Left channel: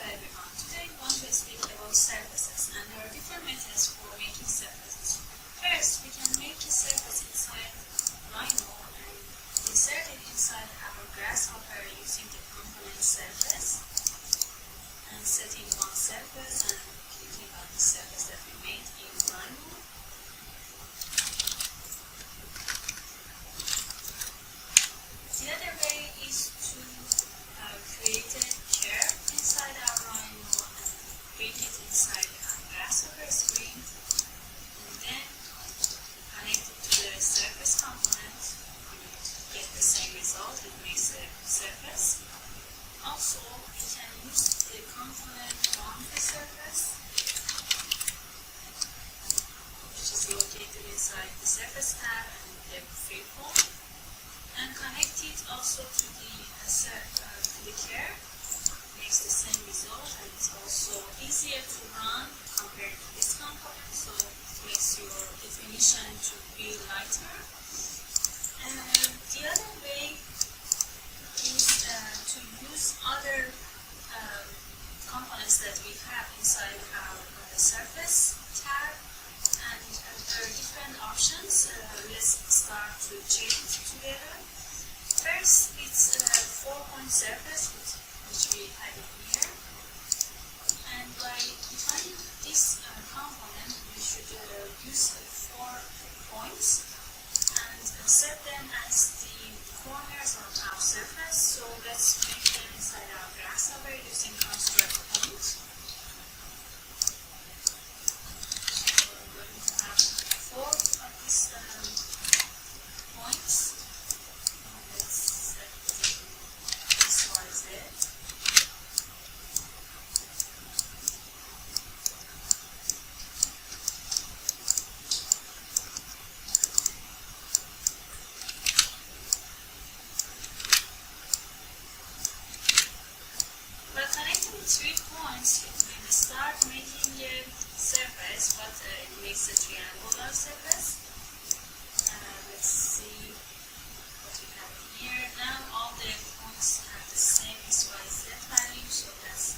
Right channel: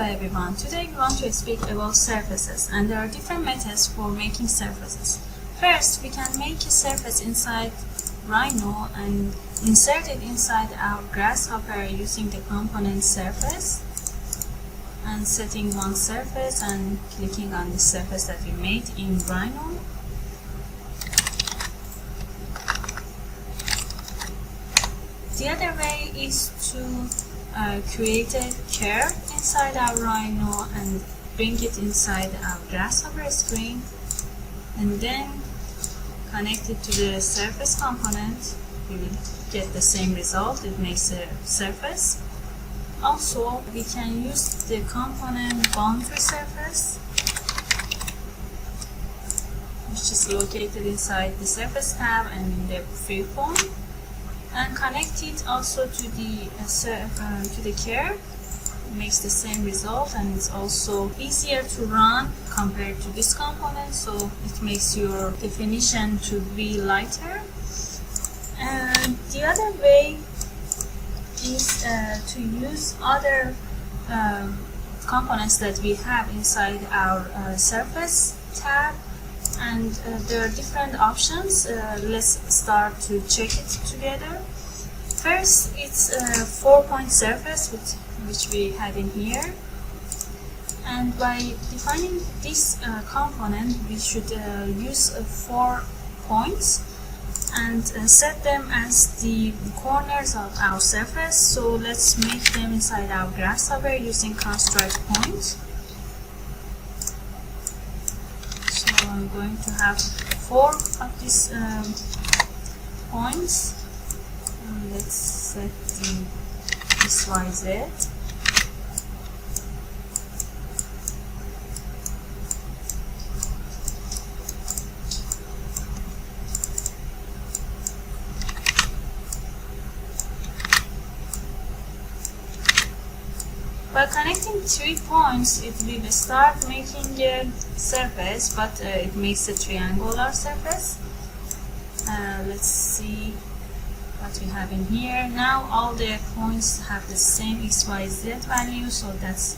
Hello everyone, today we want to speak about surfaces, and there are different methods for making surfaces. First, we can make a surface inside Rhino and insert it inside our Grasshopper using the component surface and setting one surface and clicking on the surface that we made in Rhino. The other way is to create a curve inside our Rhino and bring it inside our Grasshopper screen, and then connect it to the surface component. We will get the same result. It makes a surface. Also, we can use the component boundary surface, which is located inside the surface tab and the freeform, and connect it also to the curve. It makes the same result, and it's also easier to run compared to this component, so it makes your definition to be lighter. And the other way is to use other components that we have inside our surface tab, and there are different options. Let's start to check it together. First, it's a 4-point surface which we had in here, and by defining this component we should use 4 points and set them as the corners of our surface. So let's make them inside our Grasshopper using construct point. So I'm going to have 4 of these points, and let's set the XYZ. By connecting 3 points, it will start making a surface, but it makes a triangular surface. Let's see what we have in here. Now all the points have the same XYZ value, so that's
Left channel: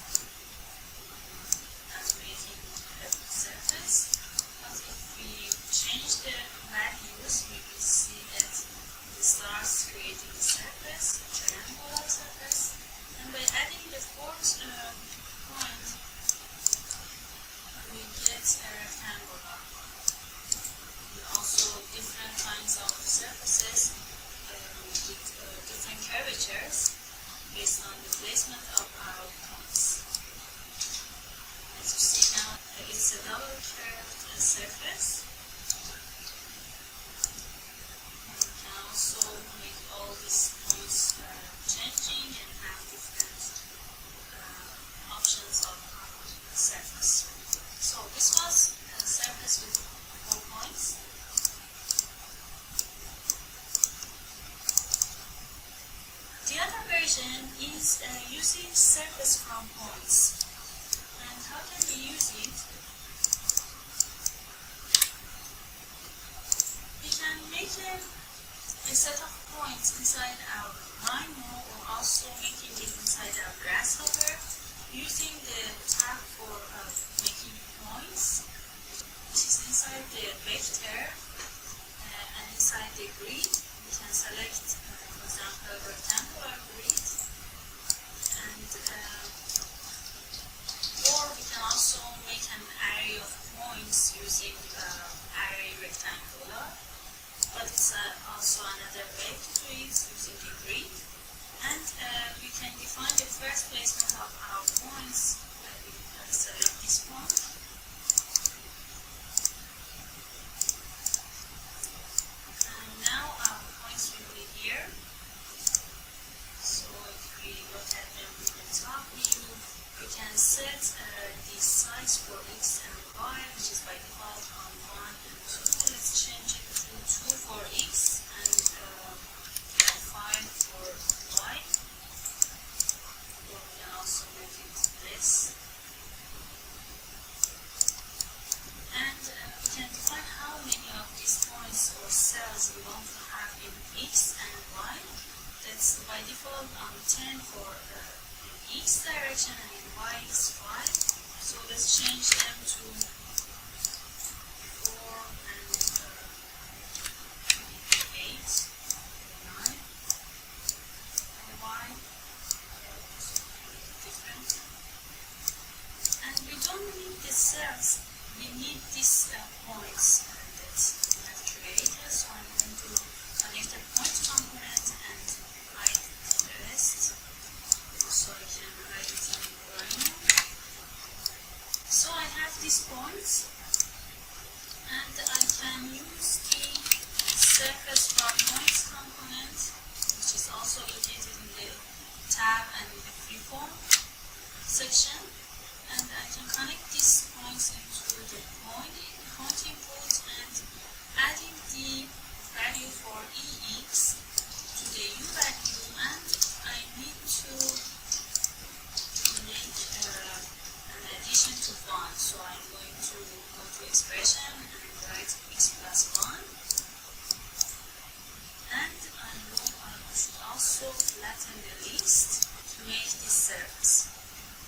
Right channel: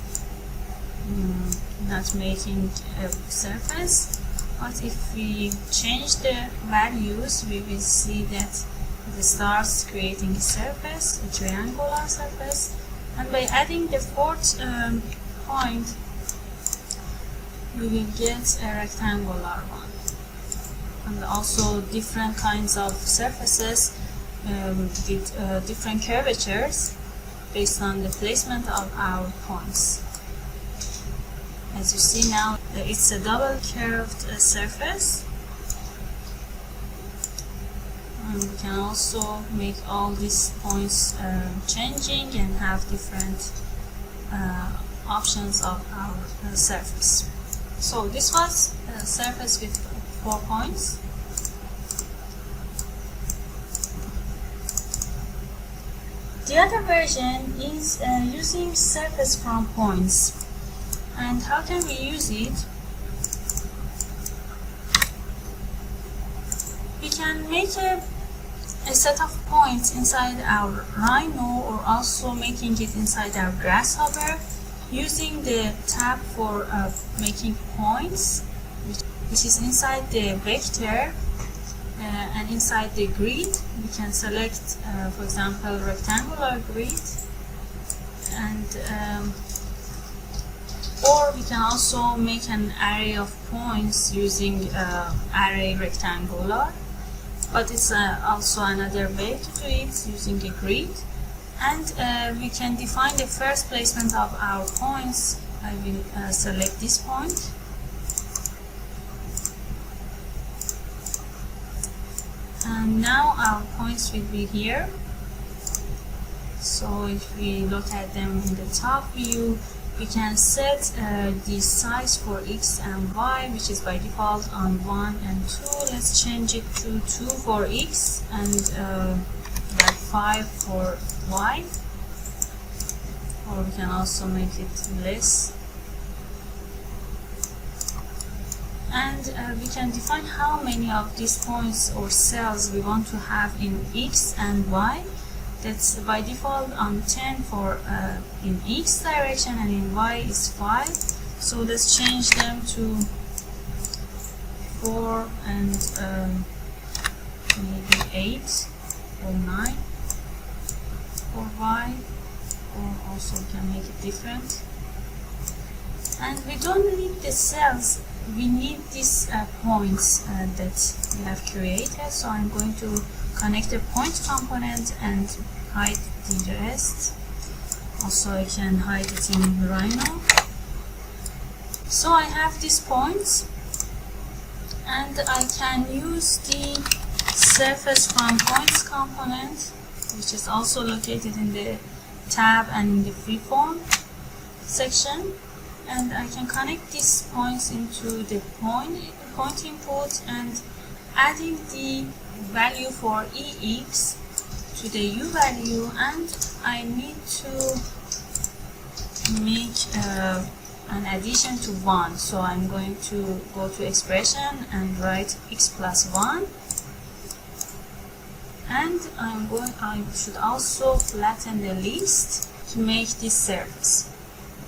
not making a surface. But if we change the values, we will see that it starts creating a surface, a triangular surface. And by adding the 4th point, we will get a rectangular one. And also different kinds of surfaces with different curvatures based on the placement of our points. As you see now, it's a double curved surface. And we can also make all these points changing and have different options of our surface. So this was a surface with 4 points. The other version is using surface from points. And how can we use it? We can make a set of points inside our Rhino, or also making it inside our Grasshopper using the tab for making points, which is inside the vector, and inside the grid we can select for example rectangular grid, and or we can also make an array of points using array rectangular. But it's also another way to do it using a grid. And we can define the first placement of our points. I will select this point. And now our points will be here. So if we look at them in the top view, we can set the size for X and Y, which is by default on 1 and 2. Let's change it to 2 for X and like 5 for Y. Or we can also make it less. And we can define how many of these points or cells we want to have in X and Y. That's by default on 10 for in X direction, and in Y is 5. So let's change them to 4 and maybe 8 or 9 for Y, or also can make it different. And we don't need the cells, we need these points that we have created. So I'm going to connect the point component and hide the rest. Also I can hide it in Rhino. So I have these points, and I can use the surface from points component, which is also located in the tab and in the freeform section, and I can connect these points into the point input and adding the value for EX to the U value, and I need to make an addition to 1. So I'm going to go to expression and write x plus 1, and I should also flatten the list to make this surface.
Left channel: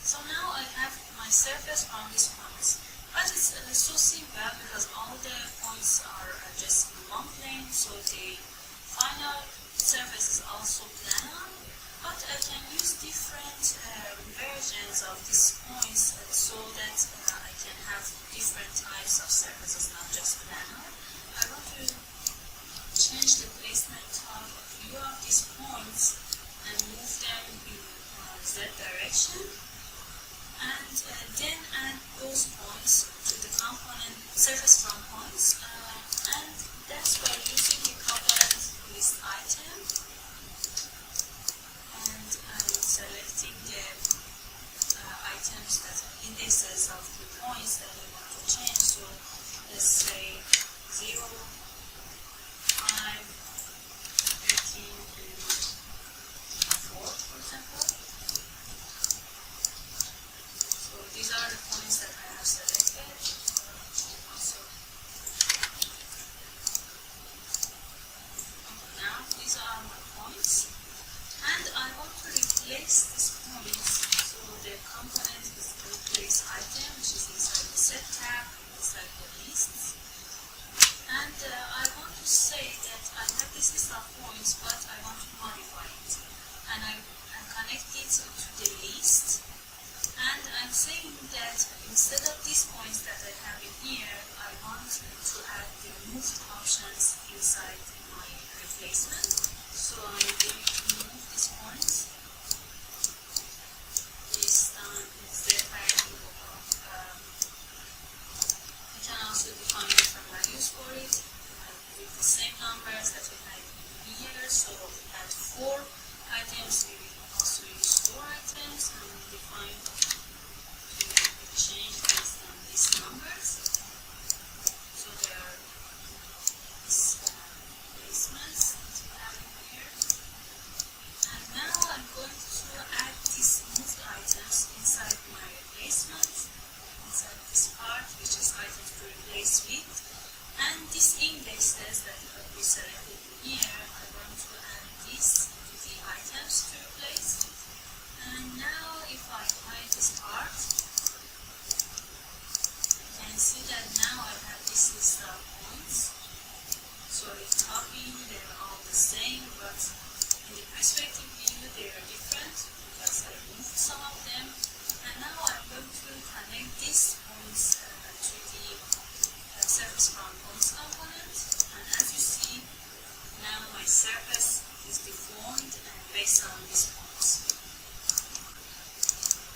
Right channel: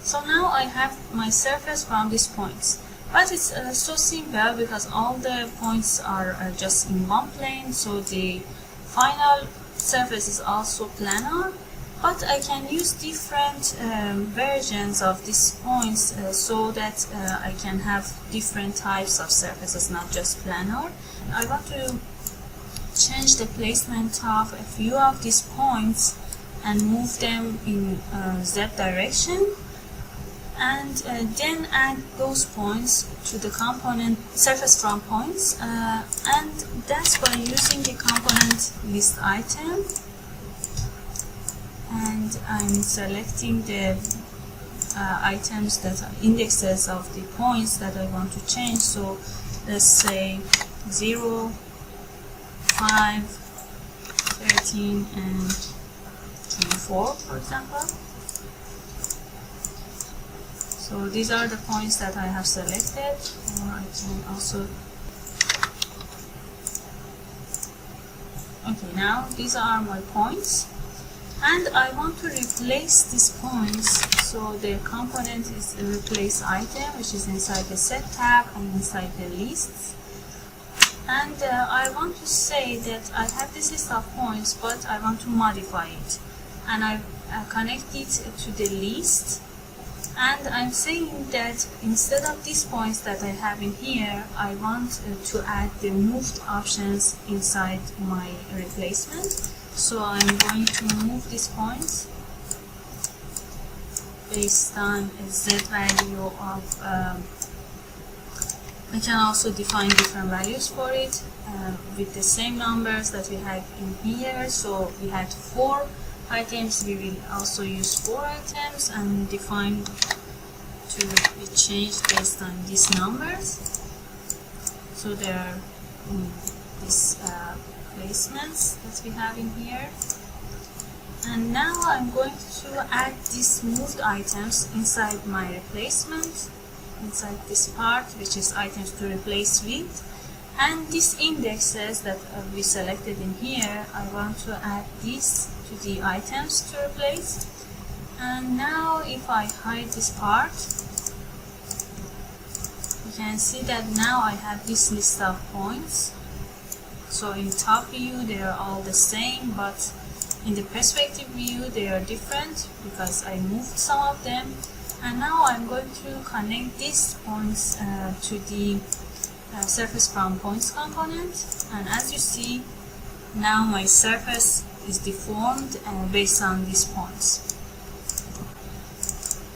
So now I have my surface from these points, but it's so simple because all the points are just in one plane, so the final surface is also planar. But I can use different versions of these points so that I can have different types of surfaces, not just planar. I want to change the placement of a few of these points and move them in Z direction, and then add those points to the component surface from points, and that's by using the component list item. And I'm selecting the items that are indexes of the points that I want to change. So let's say 0, 5, 13, and 24, for example. So these are the points that I have selected, or I can also. Okay, now these are my points. And I want to replace these points, so the component is a replace item, which is inside the set tab and inside the lists. And I want to say that I have this list of points, but I want to modify it. And I connect it to the list. And I'm saying that instead of these points that I have in here, I want to add the moved options inside my replacement. So I'm going to move these points based on a Z value of, we can also define different values for it with the same numbers that we had in here. So we had 4 items, we will also use 4 items and define to be changed based on these numbers. So there are these placements that we have in here. And now I'm going to add these moved items inside my replacement, inside this part, which is items to replace with. And these indexes that we selected in here, I want to add these to the items to replace. And now if I hide this part, you can see that now I have this list of points. So in top view they are all the same, but in the perspective view they are different because I moved some of them. And now I'm going to connect these points to the surface from points component. And as you see, now my surface is deformed based on these points.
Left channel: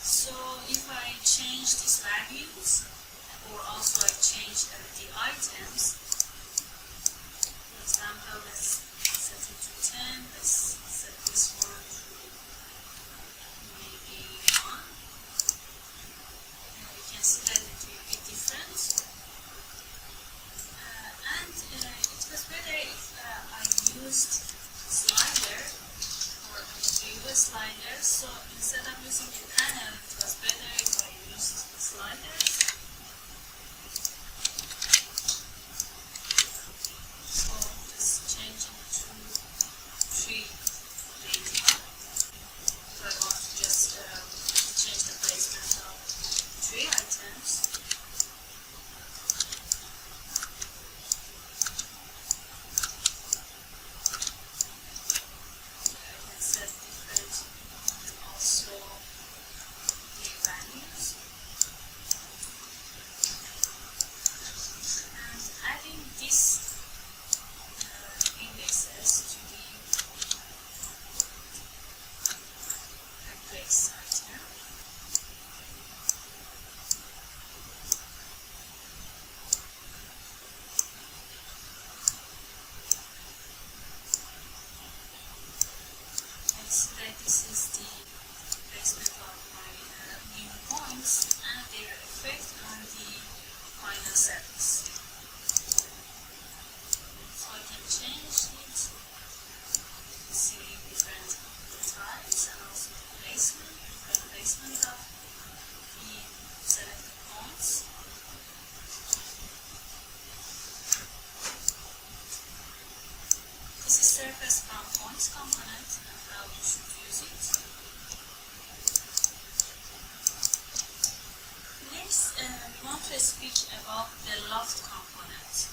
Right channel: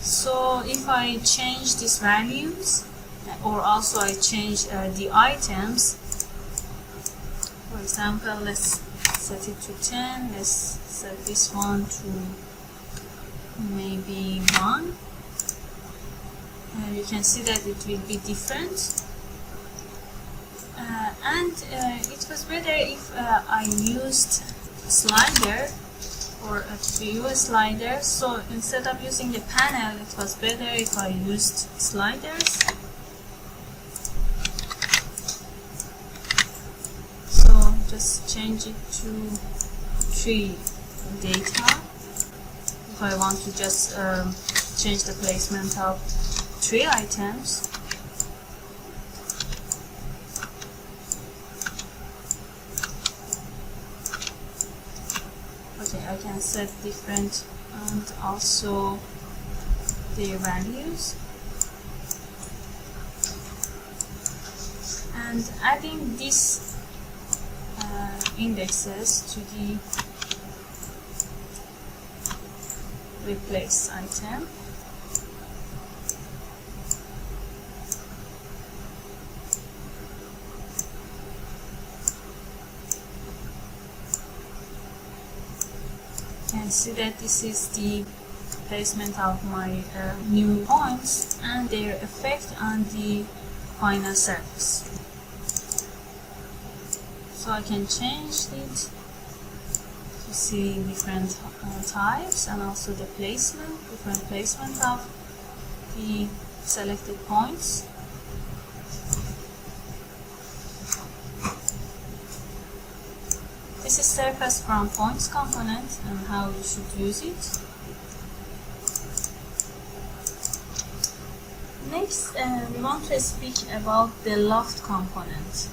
So if I change these values, or also I change the items, for example, let's set it to 10, let's set this one to maybe 1, and you can see that it will be different. And it was better if I used slider or a view slider. So instead of using the panel, it was better if I used sliders. So just change it to 3 data. If I want to just change the placement of 3 items, okay, I can set different and also their values, and adding these indexes to the replace item. You can see that this is the placement of my new points and their effect on the final surface. So I can change it to see different types and also the placement, different placement of the selected points. This is surface from points component and how you should use it. Next, we want to speak about the Loft component.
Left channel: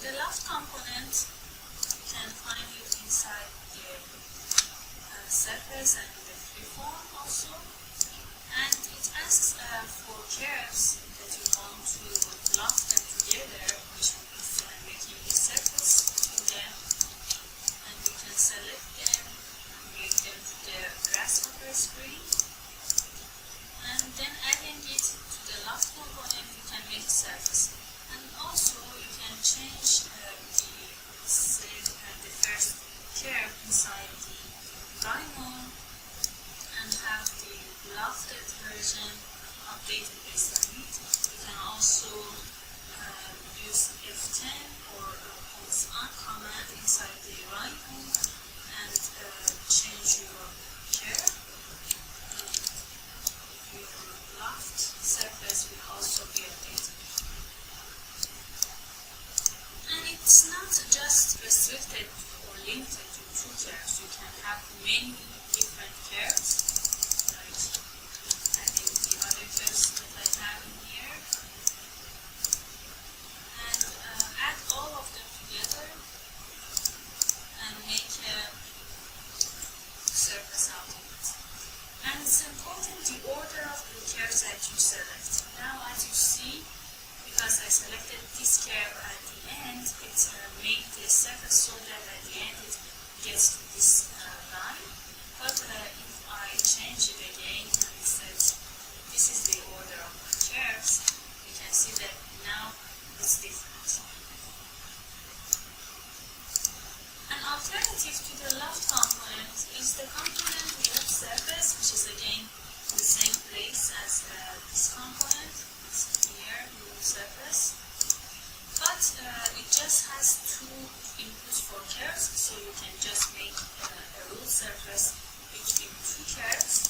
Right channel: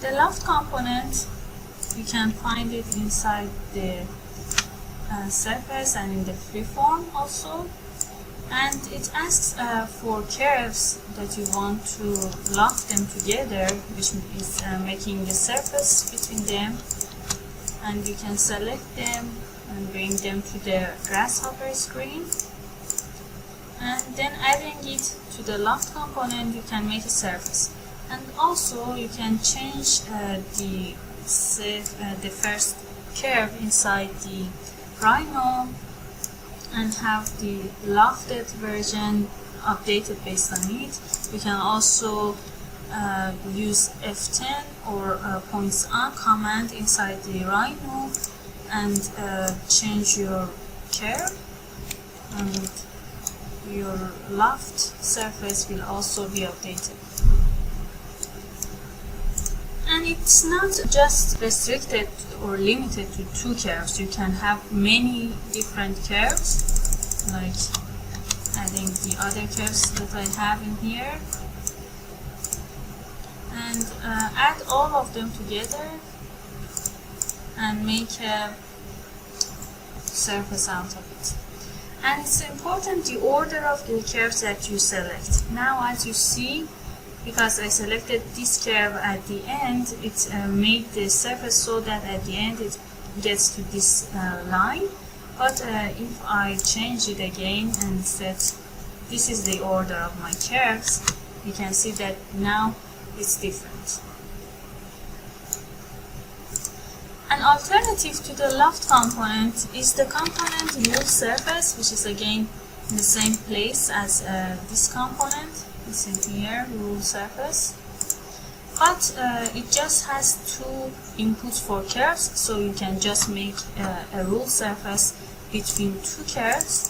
The Loft component, you can find it inside the surface and in the freeform also, and it asks for curves that you want to loft them together, which is making the surface between them, and you can select them and bring them to the Grasshopper screen, and then adding it to the Loft component, you can make a surface. And also you can change the first curve inside the Rhino and have the lofted version updated based on it. You can also use F10 or points on command inside the Rhino and change your curve, and your loft surface will also be updated. And it's not just restricted or limited to 2 curves. You can have many different curves, like adding the other curves that I have in here, and add all of them together and make a surface out of it. And it's important the order of the curves that you select. Now, as you see, because I selected this curve at the end, it made the surface so that at the end it gets to this line. But if I change it again and set this is the order of my curves, you can see that now it's different. An alternative to the Loft component is the component rule surface, which is again in the same place as this component. It's in here, rule surface, but it just has 2 inputs for curves, so you can just make a rule surface between 2 curves.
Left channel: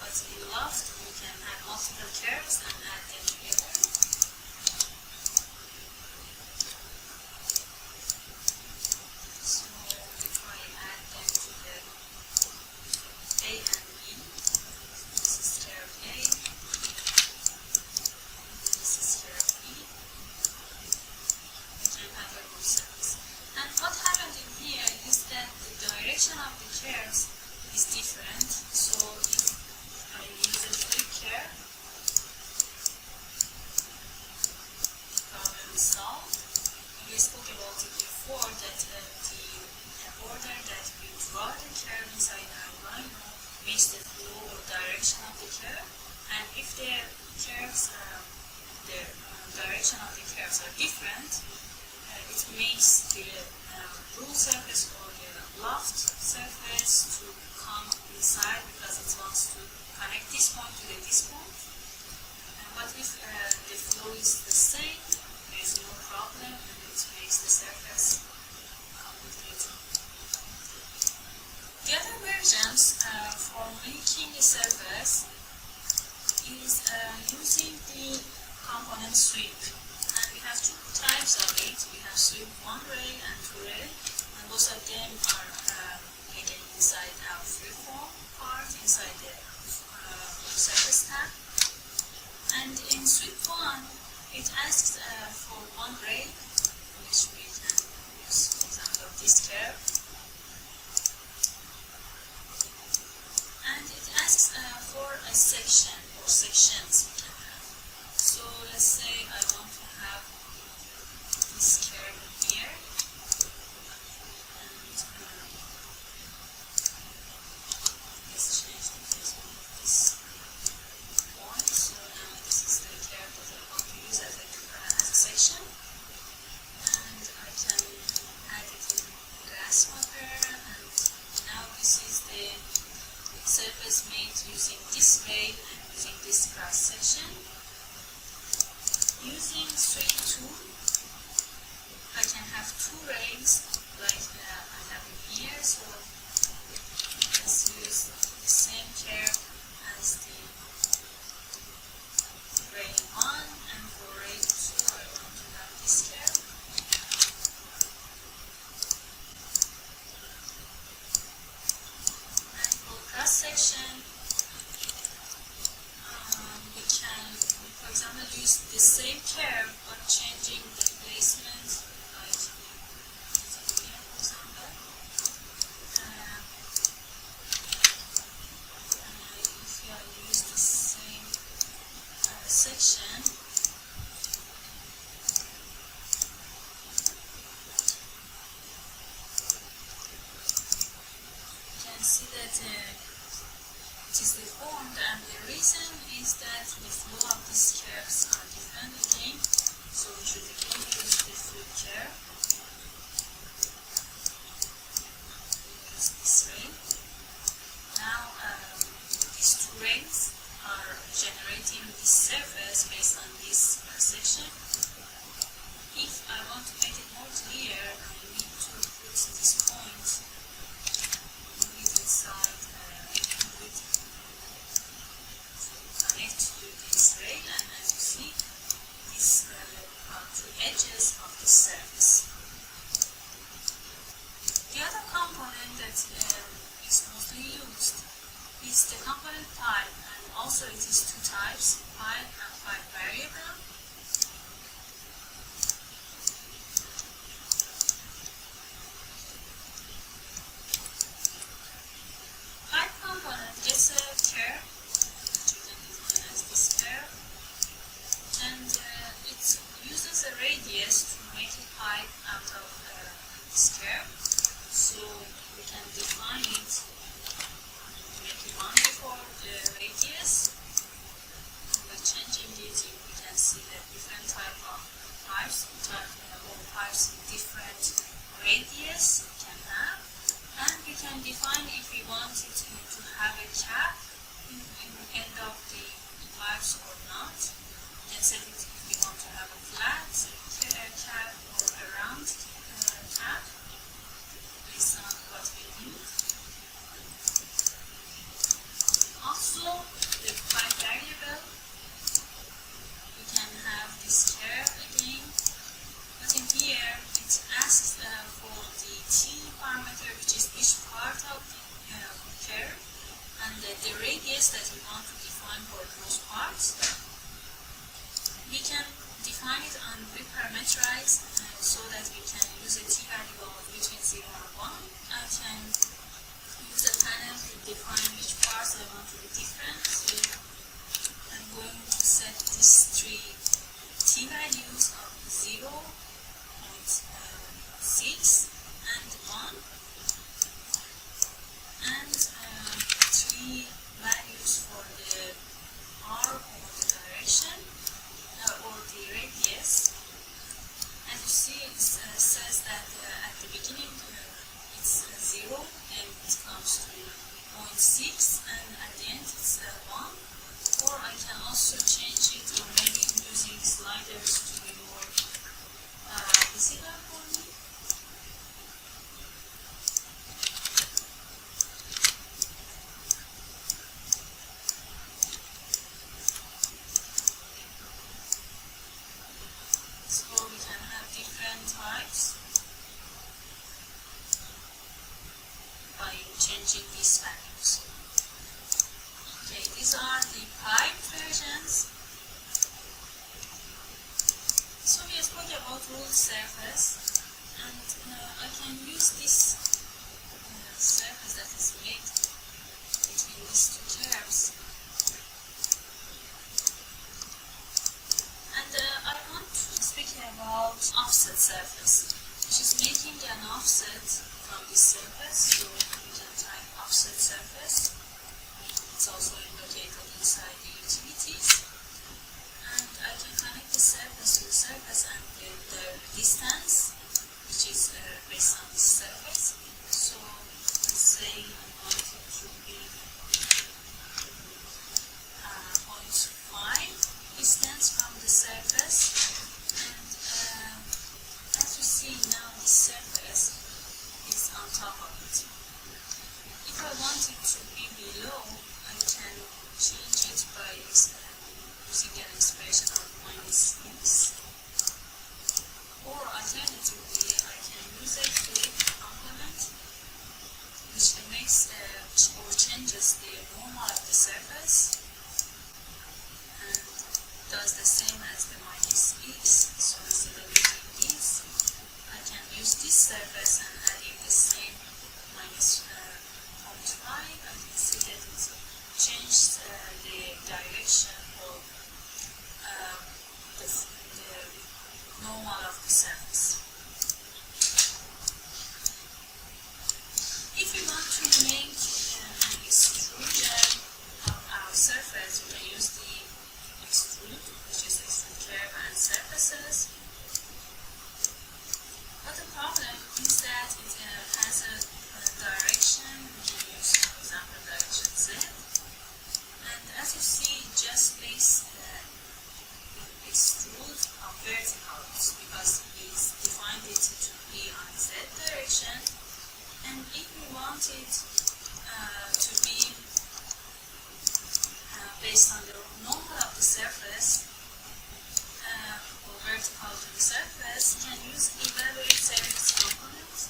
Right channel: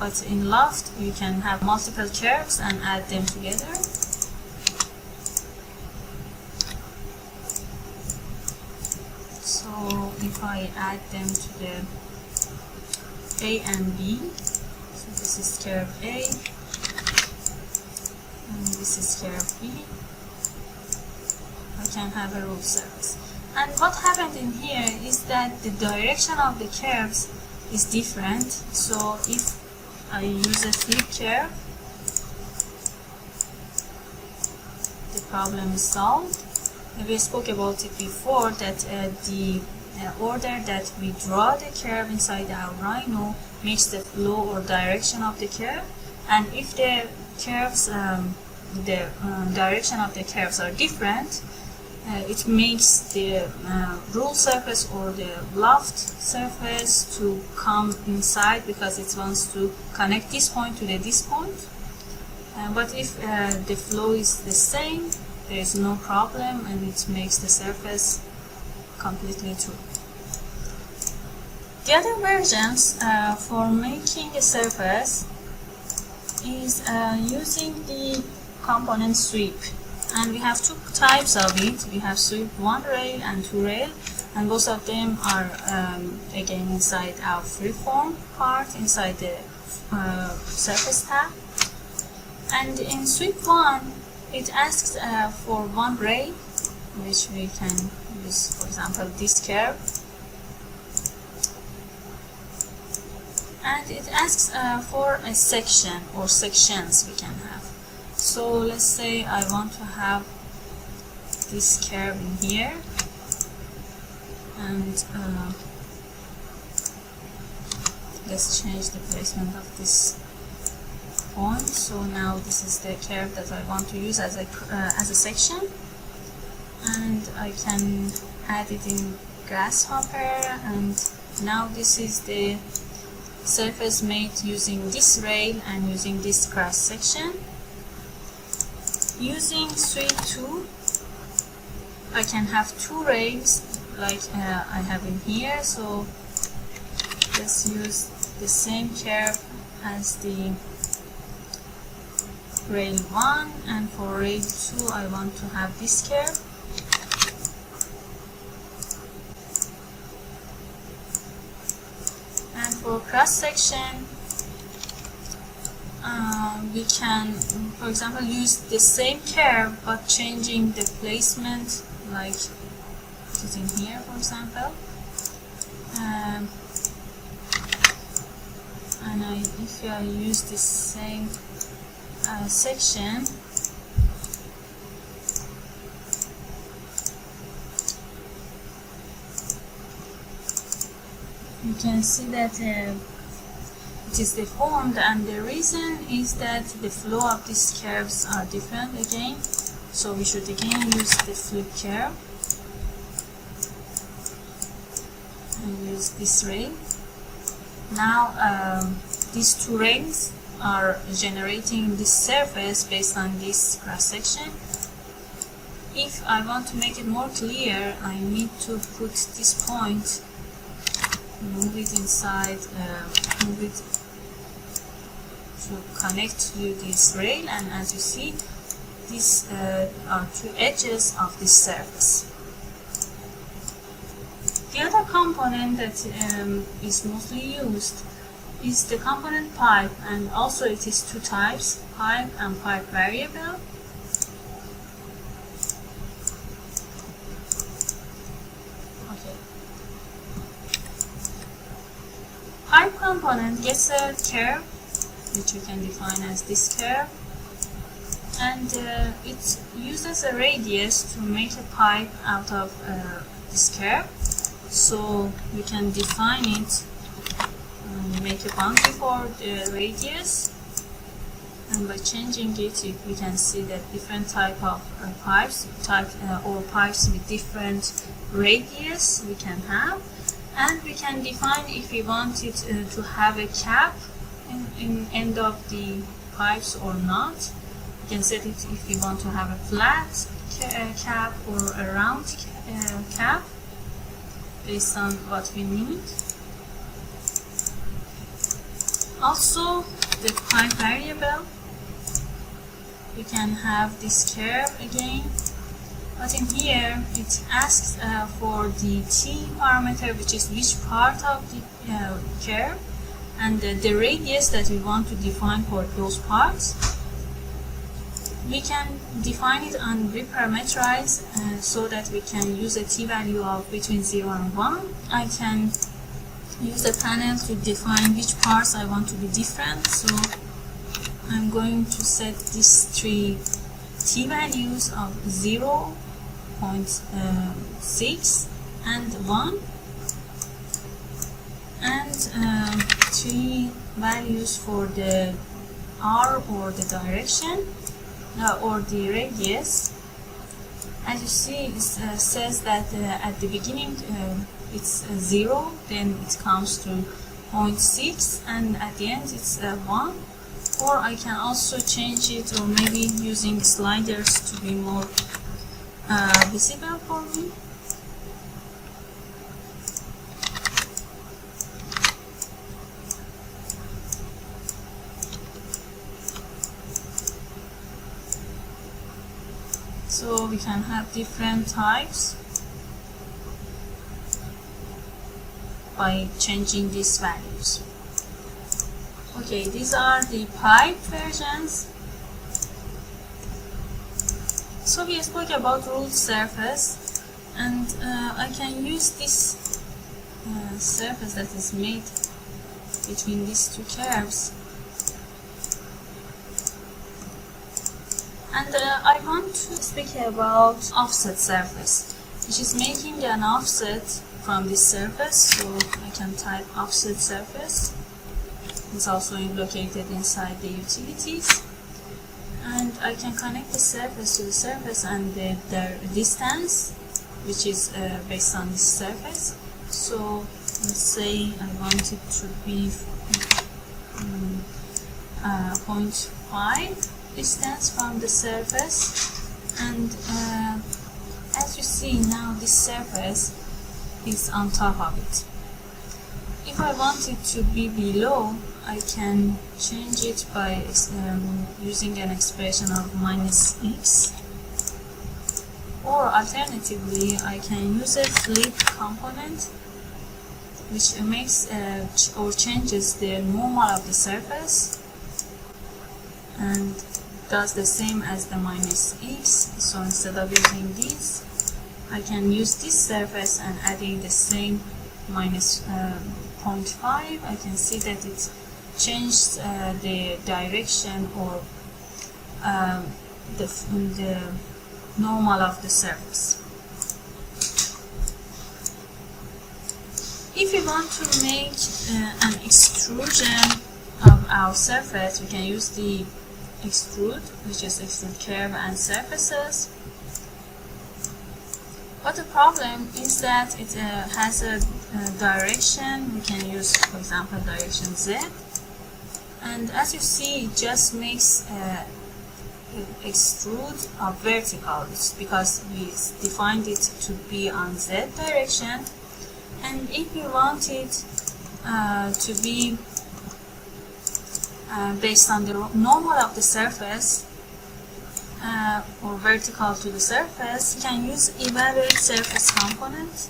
But in Loft you can have multiple curves and add them together. So if I add them to the A and B, so this is curve A, and this is curve B, I can have a rule surface. And what happened in here is that the direction of the curves is different. So if I use a flip curve, the problem is solved. We spoke about it before, that the order that we draw the curve inside our Rhino makes the flow or direction of the curve, and if the curves, the direction of the curves are different, it makes the rule surface or the loft surface to come inside because it wants to connect this point to this point. But if the flow is the same, there is no problem and it makes the surface completely true. The other versions for making a surface is using the component sweep. And we have two types of it. We have sweep 1 rail and 2 rail, and both of them are again inside our freeform part, inside the surface tab. And in sweep 1, it asks for 1 rail, which we can use, for example, this curve. And it asks for a section or sections we can have. So let's say I want to have this curve in here, and let's change the placement of this point. So now this is the curve that I want to use as a section, and I can add it in Grasshopper. And now this is the surface made using this rail and using this cross section. Using sweep 2, I can have 2 rails like I have in here. So let's use the same curve as the rail 1, and for rail 2 I want to have this curve. And for cross section, we can, for example, use the same curve but changing the placement, like put it in here, for example. And if I use the same section, you can see that it is deformed, and the reason is that the flow of these curves are different again. So we should again use the flip curve and use this rail. Now these 2 rails are generating this surface based on this cross section. If I want to make it more clear, I need to put this point, move it inside, move it to connect to this rail, and as you see, these are 2 edges of this surface. The other component that is mostly used is the component pipe, and also it is 2 types, pipe and pipe variable. Okay. Pipe component gets a curve, which you can define as this curve, and it uses a radius to make a pipe out of this curve. So we can define it and make a boundary for the radius, and by changing it we can see that different type of pipes, or pipes with different radius we can have. And we can define if we want it to have a cap in end of the pipes or not. We can set it if we want to have a flat cap or a round cap based on what we need. Also, the pipe variable, we can have this curve again, but in here it asks for the T parameter, which is which part of the curve, and the radius that we want to define for those parts. We can define it and reparameterize so that we can use a T value of between 0 and 1. I can use the panel to define which parts I want to be different. So I'm going to set these 3 T values of 0, 0.6 and 1, and 3 values for the R or the direction or the radius. As you see, it says that at the beginning it's 0, then it comes to 0.6, and at the end it's 1. Or I can also change it, or maybe using sliders to be more visible for me. So we can have different types by changing these values. Okay, these are the pipe versions. So we spoke about ruled surface, and I can use this surface that is made between these two curves, and I want to speak about offset surface, which is making an offset from this surface. So I can type offset surface. It's also located inside the utilities, and I can connect the surface to the surface and the distance, which is based on this surface. So let's say I want it to be 0.5 distance from the surface, and as you see now, this surface is on top of it. If I want it to be below, I can change it by using an expression of -x, or alternatively I can use a flip component, which makes or changes the normal of the surface and does the same as the -x. So instead of using this, I can use this surface and adding the same -0.5. I can see that it changed the direction or the normal of the surface. If we want to make an extrusion of our surface, we can use the extrude, which is extrude curve and surfaces. But the problem is that it has a direction. We can use, for example, direction Z, and as you see, it just makes extrude of vertical. It's because we defined it to be on Z direction, and if we want it to be based on the normal of the surface or vertical to the surface, you can use evaluate surface component.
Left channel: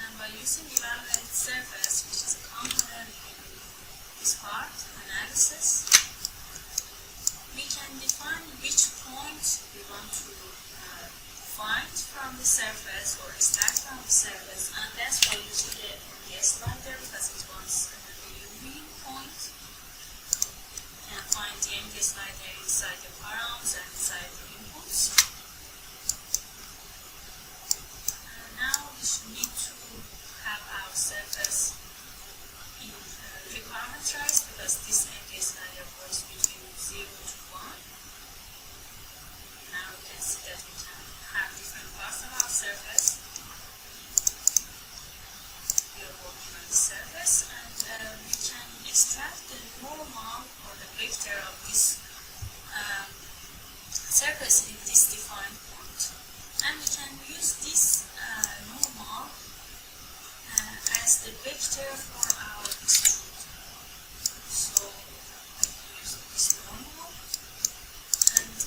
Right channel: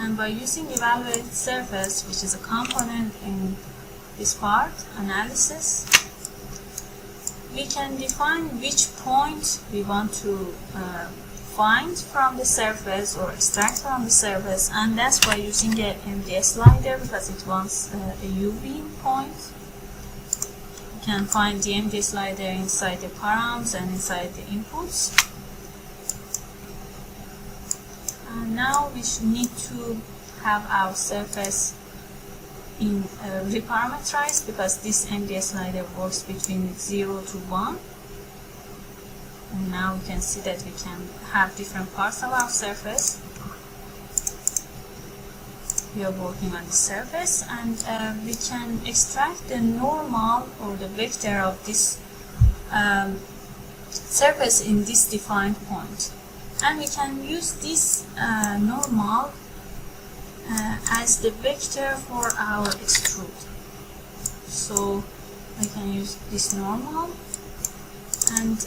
And by using evaluate surface, which is a component in this part analysis, we can define which point we want to find from the surface or extract from the surface, and that's by using a MD slider, because it wants a UV point. You can find the MD slider inside the params and inside the inputs. And now we should need to have our surface in reparameterized, because this MD slider works between 0 to 1. And now we can see that we can have different parts of our surface. We are working on the surface, and we can extract the normal or the vector of this surface in this defined point. And we can use this normal as the vector for our extrude. So I can use this normal, and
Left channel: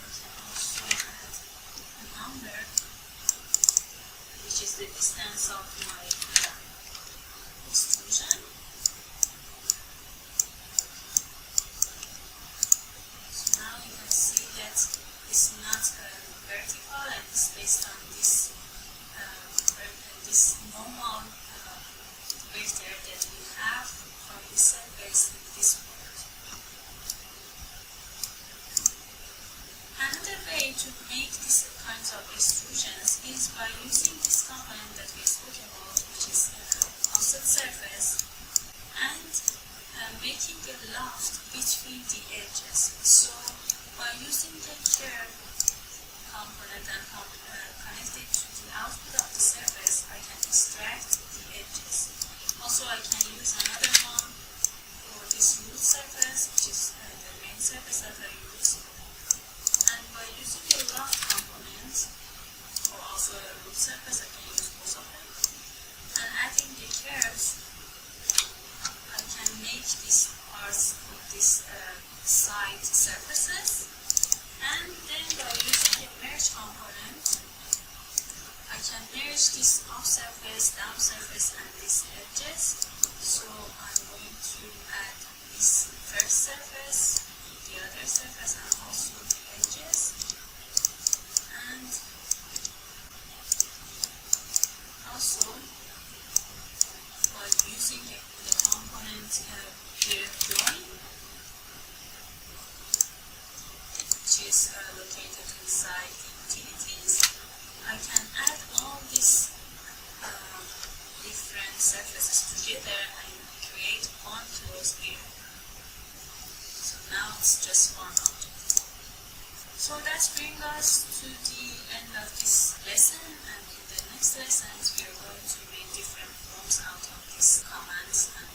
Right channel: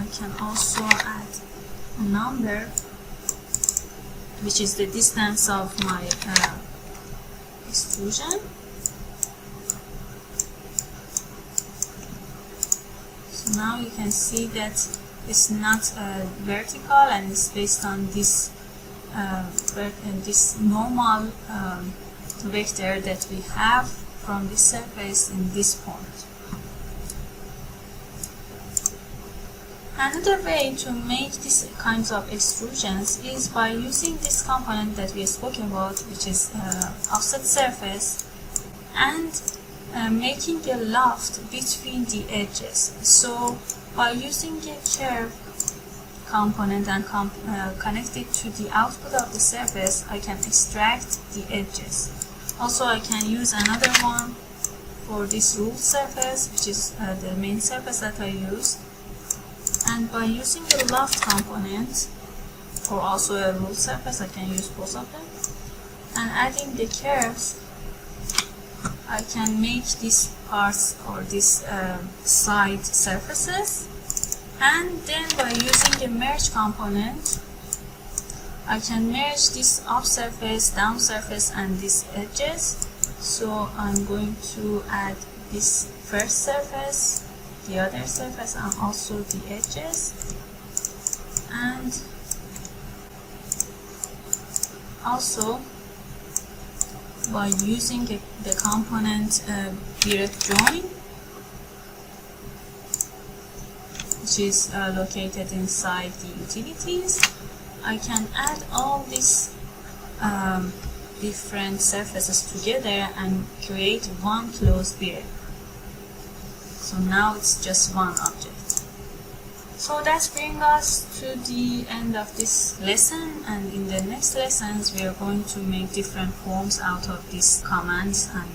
I can also add a number, which is the distance of my extrusion. So now you can see that it's not vertical, and it's based on this this normal vector that we have from the surface in this point. Another way to make these kinds of extrusions is by using this component that we spoke about, which is offset surface, and making a loft between the edges. So by using a curve component and connect it to the output of the surface, I can extract the edges. Also, I can use another one for this ruled surface, which is the main surface that I use. And by using the loft component, or also a ruled surface, I can use both of them, and adding the curves, I can make these parts or these side surfaces, And then by using the merge component, I can merge this up surface, down surface, and these edges. So I'm going to add this first surface, the other surface, and also the edges. And also by using the component Brep Join, which is located inside the utilities, I can add all these different surfaces together and create one closed Brep. So now it's just one object. So that brings us to the end of this lesson, and in the next lessons we are going to make different forms out of these commands and